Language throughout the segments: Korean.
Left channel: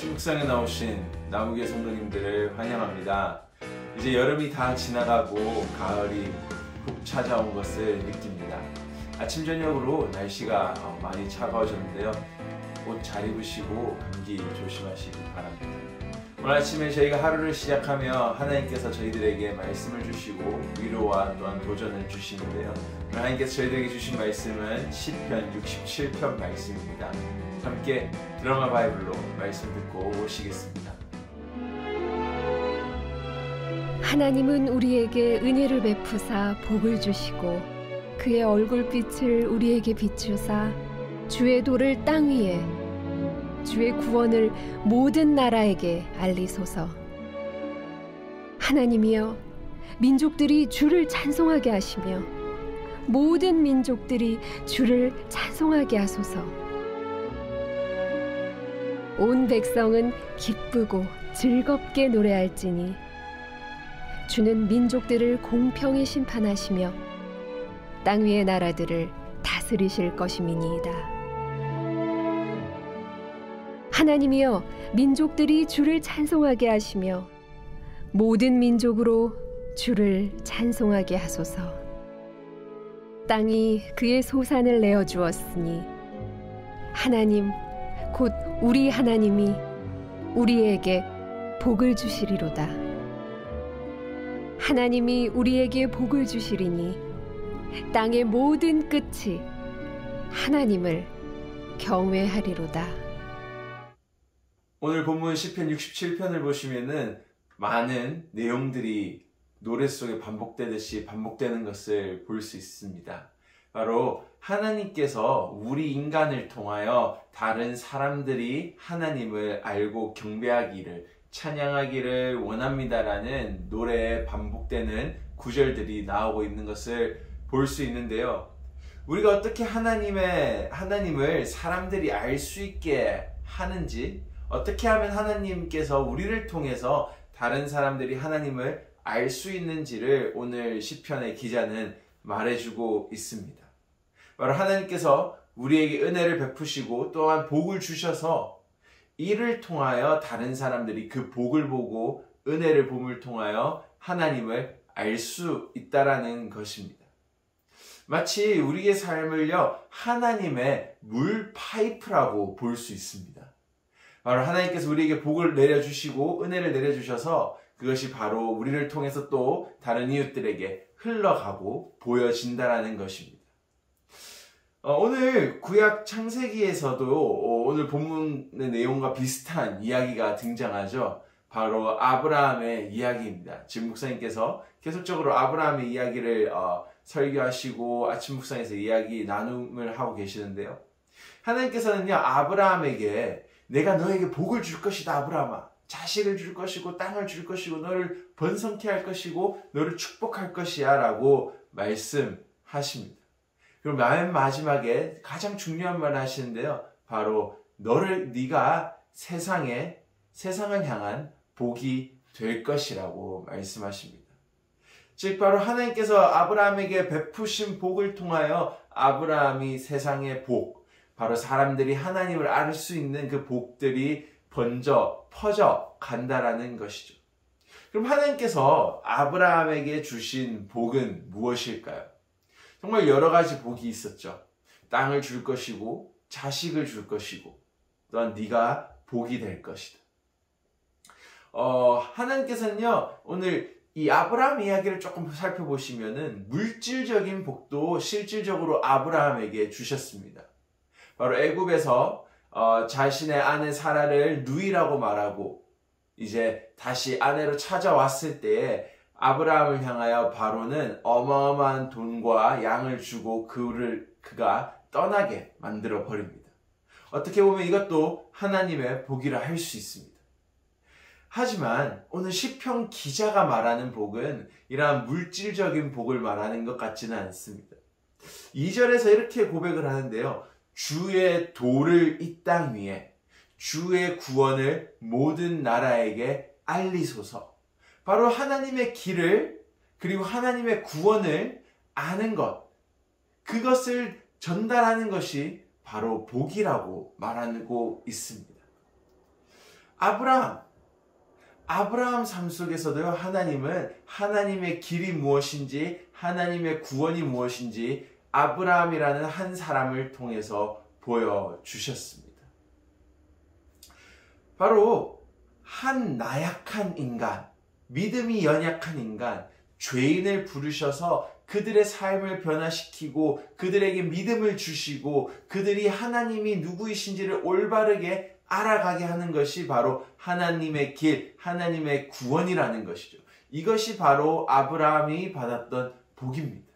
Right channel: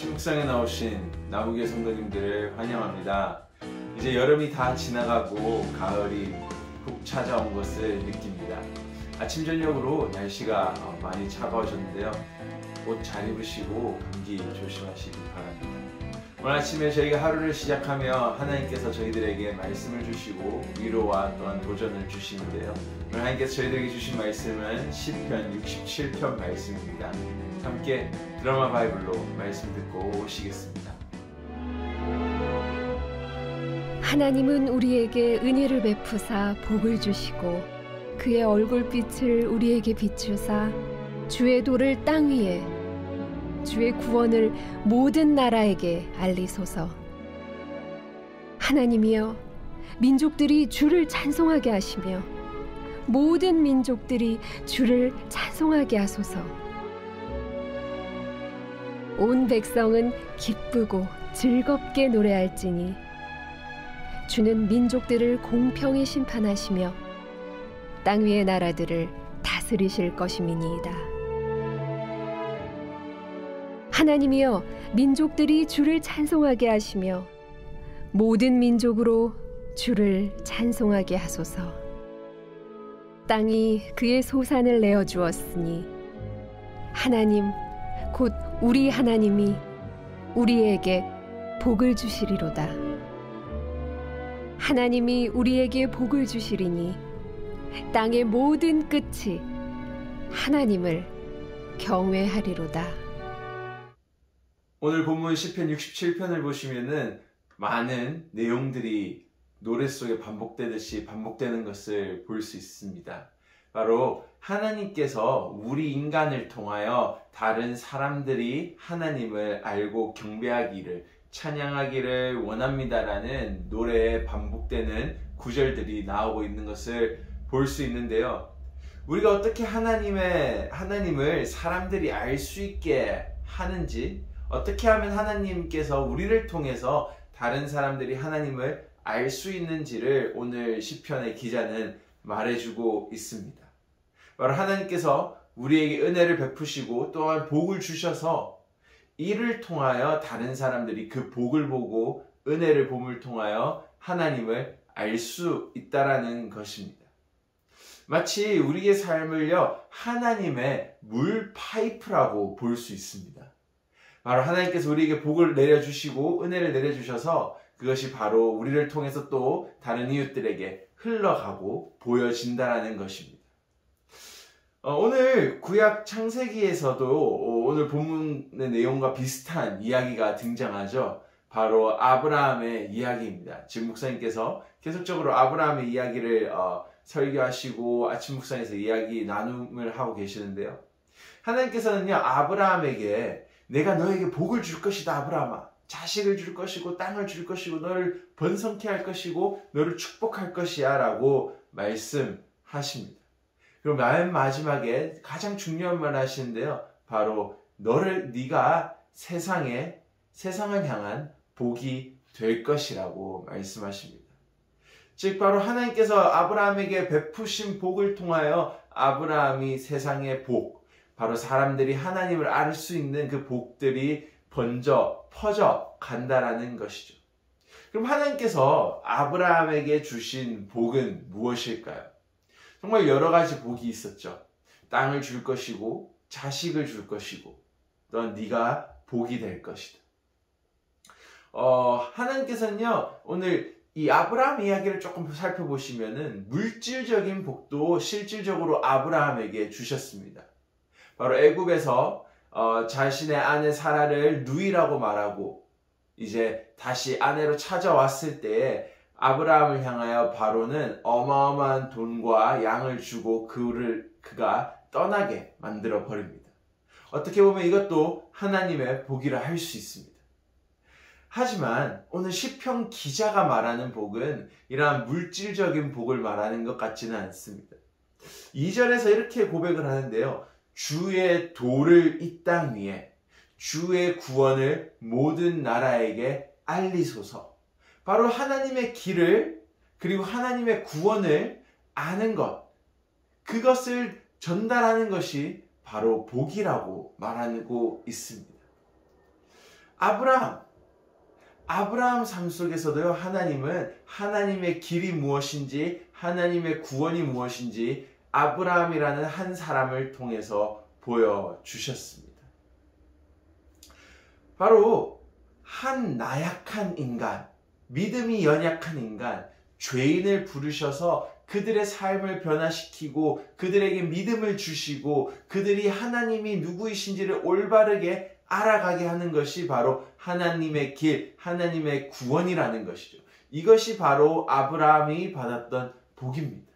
아침 묵상에 나오신 나무교회 성도님들을 환영합니다. 이제 여름이 다 지나가고 가을이 훅 찾아온 것을 느낍니다. 아침 저녁으로 날씨가 많이 차가워졌는데요. 옷 잘 입으시고 감기 조심하시기 바랍니다. 오늘 아침에 저희가 하루를 시작하며 하나님께서 저희들에게 말씀을 주시고 위로와 또한 도전을 주시는데요. 오늘 하나님께서 저희들에게 주신 말씀은 시편 67편 말씀입니다. 함께 드라마 바이블로 말씀 듣고 오시겠습니다. 하나님은 우리에게 은혜를 베푸사 복을 주시고 그의 얼굴빛을 우리에게 비추사 주의 도를 땅 위에 주의 구원을 모든 나라에게 알리소서. 하나님이여, 민족들이 주를 찬송하게 하시며 모든 민족들이 주를 찬송하게 하소서. 온 백성은 기쁘고 즐겁게 노래할지니 주는 민족들을 공평히 심판하시며 땅 위의 나라들을 다스리실 것임이니이다. 하나님이여, 민족들이 주를 찬송하게 하시며 모든 민족으로 주를 찬송하게 하소서. 땅이 그의 소산을 내어주었으니 하나님 곧 우리 하나님이 우리에게 복을 주시리로다. 하나님이 우리에게 복을 주시리니 땅의 모든 끝이 하나님을 경외하리로다. 오늘 본문 시편 67편을 보시면은 많은 내용들이 노래 속에 반복되듯이 반복되는 것을 볼 수 있습니다. 바로 하나님께서 우리 인간을 통하여 다른 사람들이 하나님을 알고 경배하기를, 찬양하기를 원합니다라는 노래에 반복되는 구절들이 나오고 있는 것을 볼 수 있는데요. 우리가 어떻게 하나님을 사람들이 알 수 있게 하는지, 어떻게 하면 하나님께서 우리를 통해서 다른 사람들이 하나님을 알 수 있는지를 오늘 시편의 기자는 말해주고 있습니다. 바로 하나님께서 우리에게 은혜를 베푸시고 또한 복을 주셔서 이를 통하여 다른 사람들이 그 복을 보고 은혜를 봄을 통하여 하나님을 알 수 있다라는 것입니다. 마치 우리의 삶을요, 하나님의 물 파이프라고 볼 수 있습니다. 바로 하나님께서 우리에게 복을 내려주시고 은혜를 내려주셔서 그것이 바로 우리를 통해서 또 다른 이웃들에게 흘러가고 보여진다라는 것입니다. 오늘 구약 창세기에서도 오늘 본문의 내용과 비슷한 이야기가 등장하죠. 바로 아브라함의 이야기입니다. 지금 목사님께서 계속적으로 아브라함의 이야기를 설교하시고 아침 묵상에서 이야기 나눔을 하고 계시는데요. 하나님께서는요, 아브라함에게 내가 너에게 복을 줄 것이다, 아브라함아. 자식을 줄 것이고 땅을 줄 것이고 너를 번성케 할 것이고 너를 축복할 것이야 라고 말씀하십니다. 그럼 맨 마지막에 가장 중요한 말을 하시는데요. 바로 네가 세상을 향한 복이 될 것이라고 말씀하십니다. 즉 바로 하나님께서 아브라함에게 베푸신 복을 통하여 아브라함이 세상의 복, 바로 사람들이 하나님을 알 수 있는 그 복들이 퍼져 간다라는 것이죠. 그럼 하나님께서 아브라함에게 주신 복은 무엇일까요? 정말 여러 가지 복이 있었죠. 땅을 줄 것이고 자식을 줄 것이고 또한 네가 복이 될 것이다. 하나님께서는요, 오늘 이 아브라함 이야기를 조금 살펴보시면은 물질적인 복도 실질적으로 아브라함에게 주셨습니다. 바로 애굽에서 자신의 아내 사라를 누이라고 말하고 이제 다시 아내로 찾아왔을 때에 아브라함을 향하여 바로는 어마어마한 돈과 양을 주고 그가 떠나게 만들어 버립니다. 어떻게 보면 이것도 하나님의 복이라 할 수 있습니다. 하지만 오늘 시편 기자가 말하는 복은 이러한 물질적인 복을 말하는 것 같지는 않습니다. 2절에서 이렇게 고백을 하는데요. 주의 도를 이 땅 위에, 주의 구원을 모든 나라에게 알리소서. 바로 하나님의 길을, 그리고 하나님의 구원을 아는 것, 그것을 전달하는 것이 바로 복이라고 말하고 있습니다. 아브라함 삶 속에서도요, 하나님은 하나님의 길이 무엇인지, 하나님의 구원이 무엇인지 아브라함이라는 한 사람을 통해서 보여주셨습니다. 바로 한 나약한 인간, 믿음이 연약한 인간, 죄인을 부르셔서 그들의 삶을 변화시키고 그들에게 믿음을 주시고 그들이 하나님이 누구이신지를 올바르게 알아가게 하는 것이 바로 하나님의 길, 하나님의 구원이라는 것이죠. 이것이 바로 아브라함이 받았던 복입니다.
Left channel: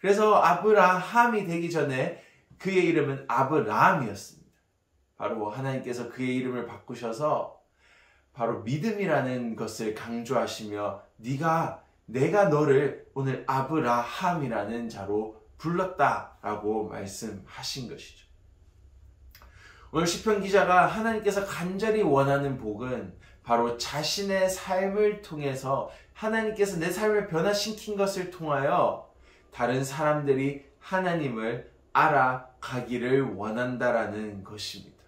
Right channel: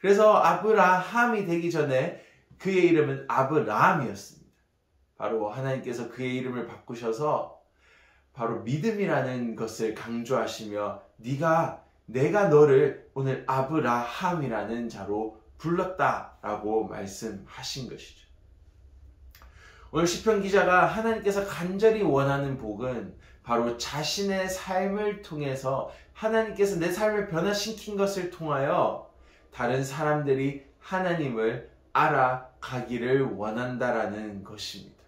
그래서 아브라함이 되기 전에 그의 이름은 아브라함이었습니다. 바로 하나님께서 그의 이름을 바꾸셔서 바로 믿음이라는 것을 강조하시며 내가 너를 오늘 아브라함이라는 자로 불렀다라고 말씀하신 것이죠. 오늘 시편 기자가 하나님께서 간절히 원하는 복은 바로 자신의 삶을 통해서 하나님께서 내 삶을 변화시킨 것을 통하여 다른 사람들이 하나님을 알아가기를 원한다라는 것입니다.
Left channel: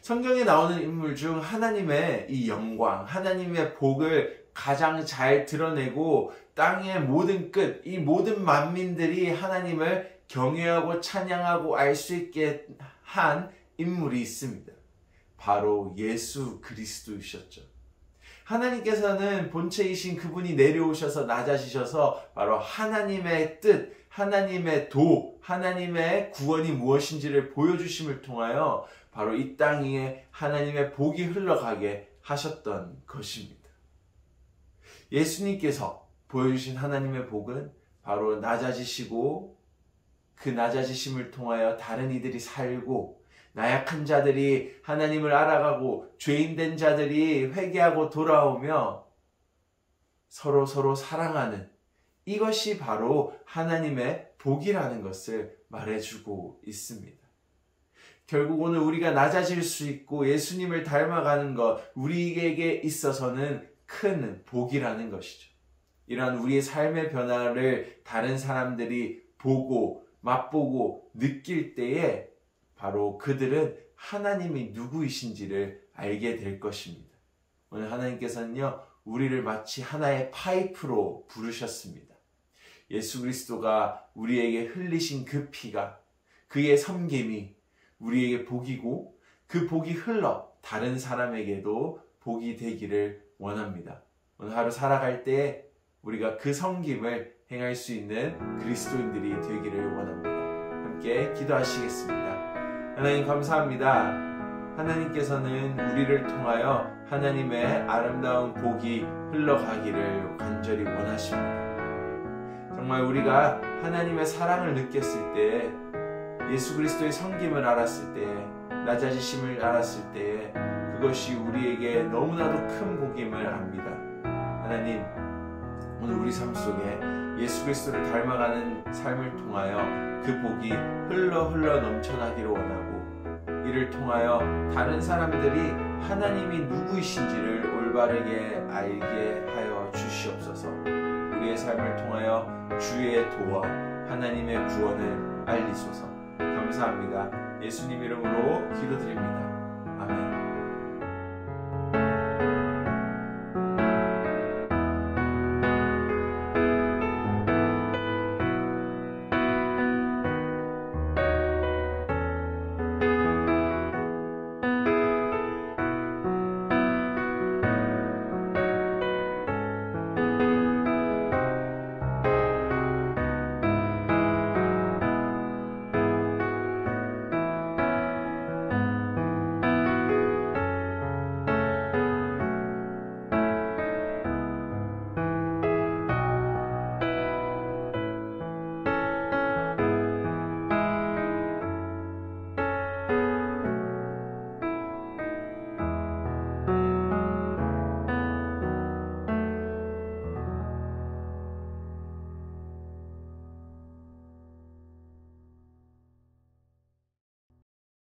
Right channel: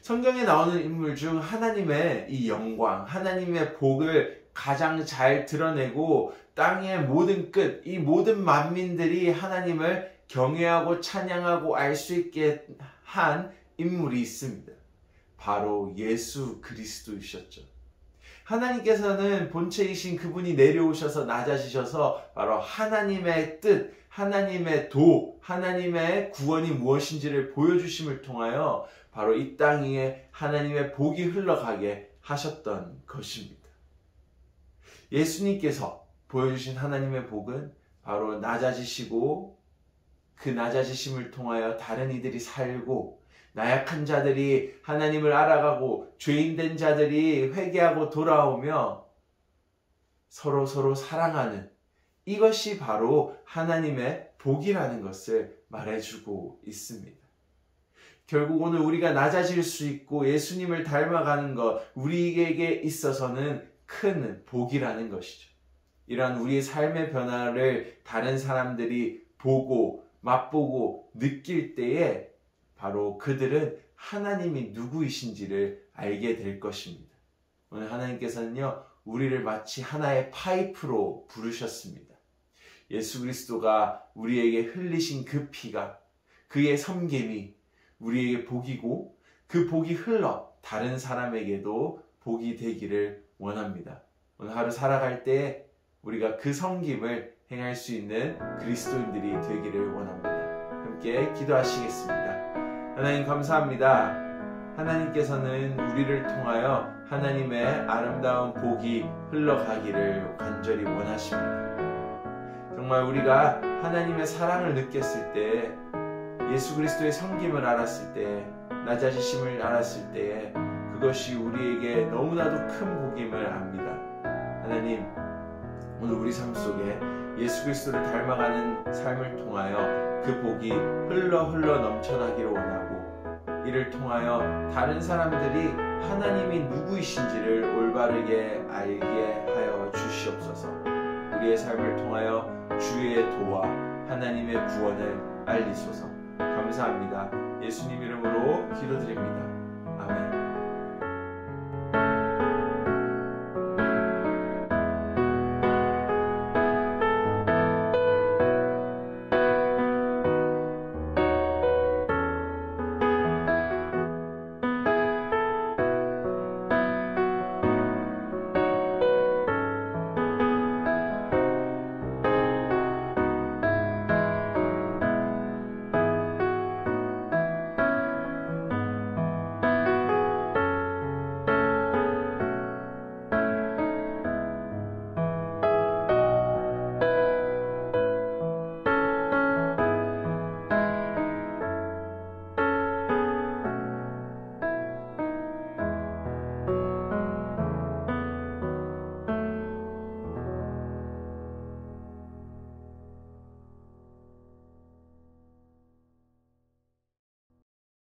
성경에 나오는 인물 중 하나님의 이 영광, 하나님의 복을 가장 잘 드러내고 땅의 모든 끝, 이 모든 만민들이 하나님을 경외하고 찬양하고 알 수 있게 한 인물이 있습니다. 바로 예수 그리스도이셨죠. 하나님께서는 본체이신 그분이 내려오셔서 낮아지셔서 바로 하나님의 뜻, 하나님의 하나님의 구원이 무엇인지를 보여주심을 통하여 바로 이 땅 위에 하나님의 복이 흘러가게 하셨던 것입니다. 예수님께서 보여주신 하나님의 복은 바로 낮아지시고 그 낮아지심을 통하여 다른 이들이 살고 나약한 자들이 하나님을 알아가고 죄인된 자들이 회개하고 돌아오며 서로 사랑하는 이것이 바로 하나님의 복이라는 것을 말해주고 있습니다. 결국 오늘 우리가 낮아질 수 있고 예수님을 닮아가는 것, 우리에게 있어서는 큰 복이라는 것이죠. 이런 우리의 삶의 변화를 다른 사람들이 보고 맛보고 느낄 때에 바로 그들은 하나님이 누구이신지를 알게 될 것입니다. 오늘 하나님께서는요, 우리를 마치 하나의 파이프로 부르셨습니다. 예수 그리스도가 우리에게 흘리신 그 피가, 그의 섬김이 우리에게 복이고 그 복이 흘러 다른 사람에게도 복이 되기를 원합니다. 오늘 하루 살아갈 때 우리가 그 섬김을 행할 수 있는 그리스도인들이 되기를 원합니다. 함께 기도하시겠습니다. 하나님 감사합니다. 하나님께서는 우리를 통하여 하나님의 아름다운 복이 흘러가기를 간절히 원하십니다. 정말 우리가 하나님의 사랑을 느꼈을 때, 예수 그리스도의 섬김을 알았을 때, 낮아지심을 알았을 때 그것이 우리에게 너무나도 큰 복임을 압니다. 하나님, 오늘 우리 삶 속에 예수 그리스도를 닮아가는 삶을 통하여 그 복이 흘러 넘쳐나기를 원하고, 이를 통하여 다른 사람들이 하나님이 누구이신지를 올바르게 알게 하여 주시옵소서. 우리의 삶을 통하여 주의 도와 하나님의 구원을 알리소서. 감사합니다. 예수님 이름으로 기도드립니다. 아멘.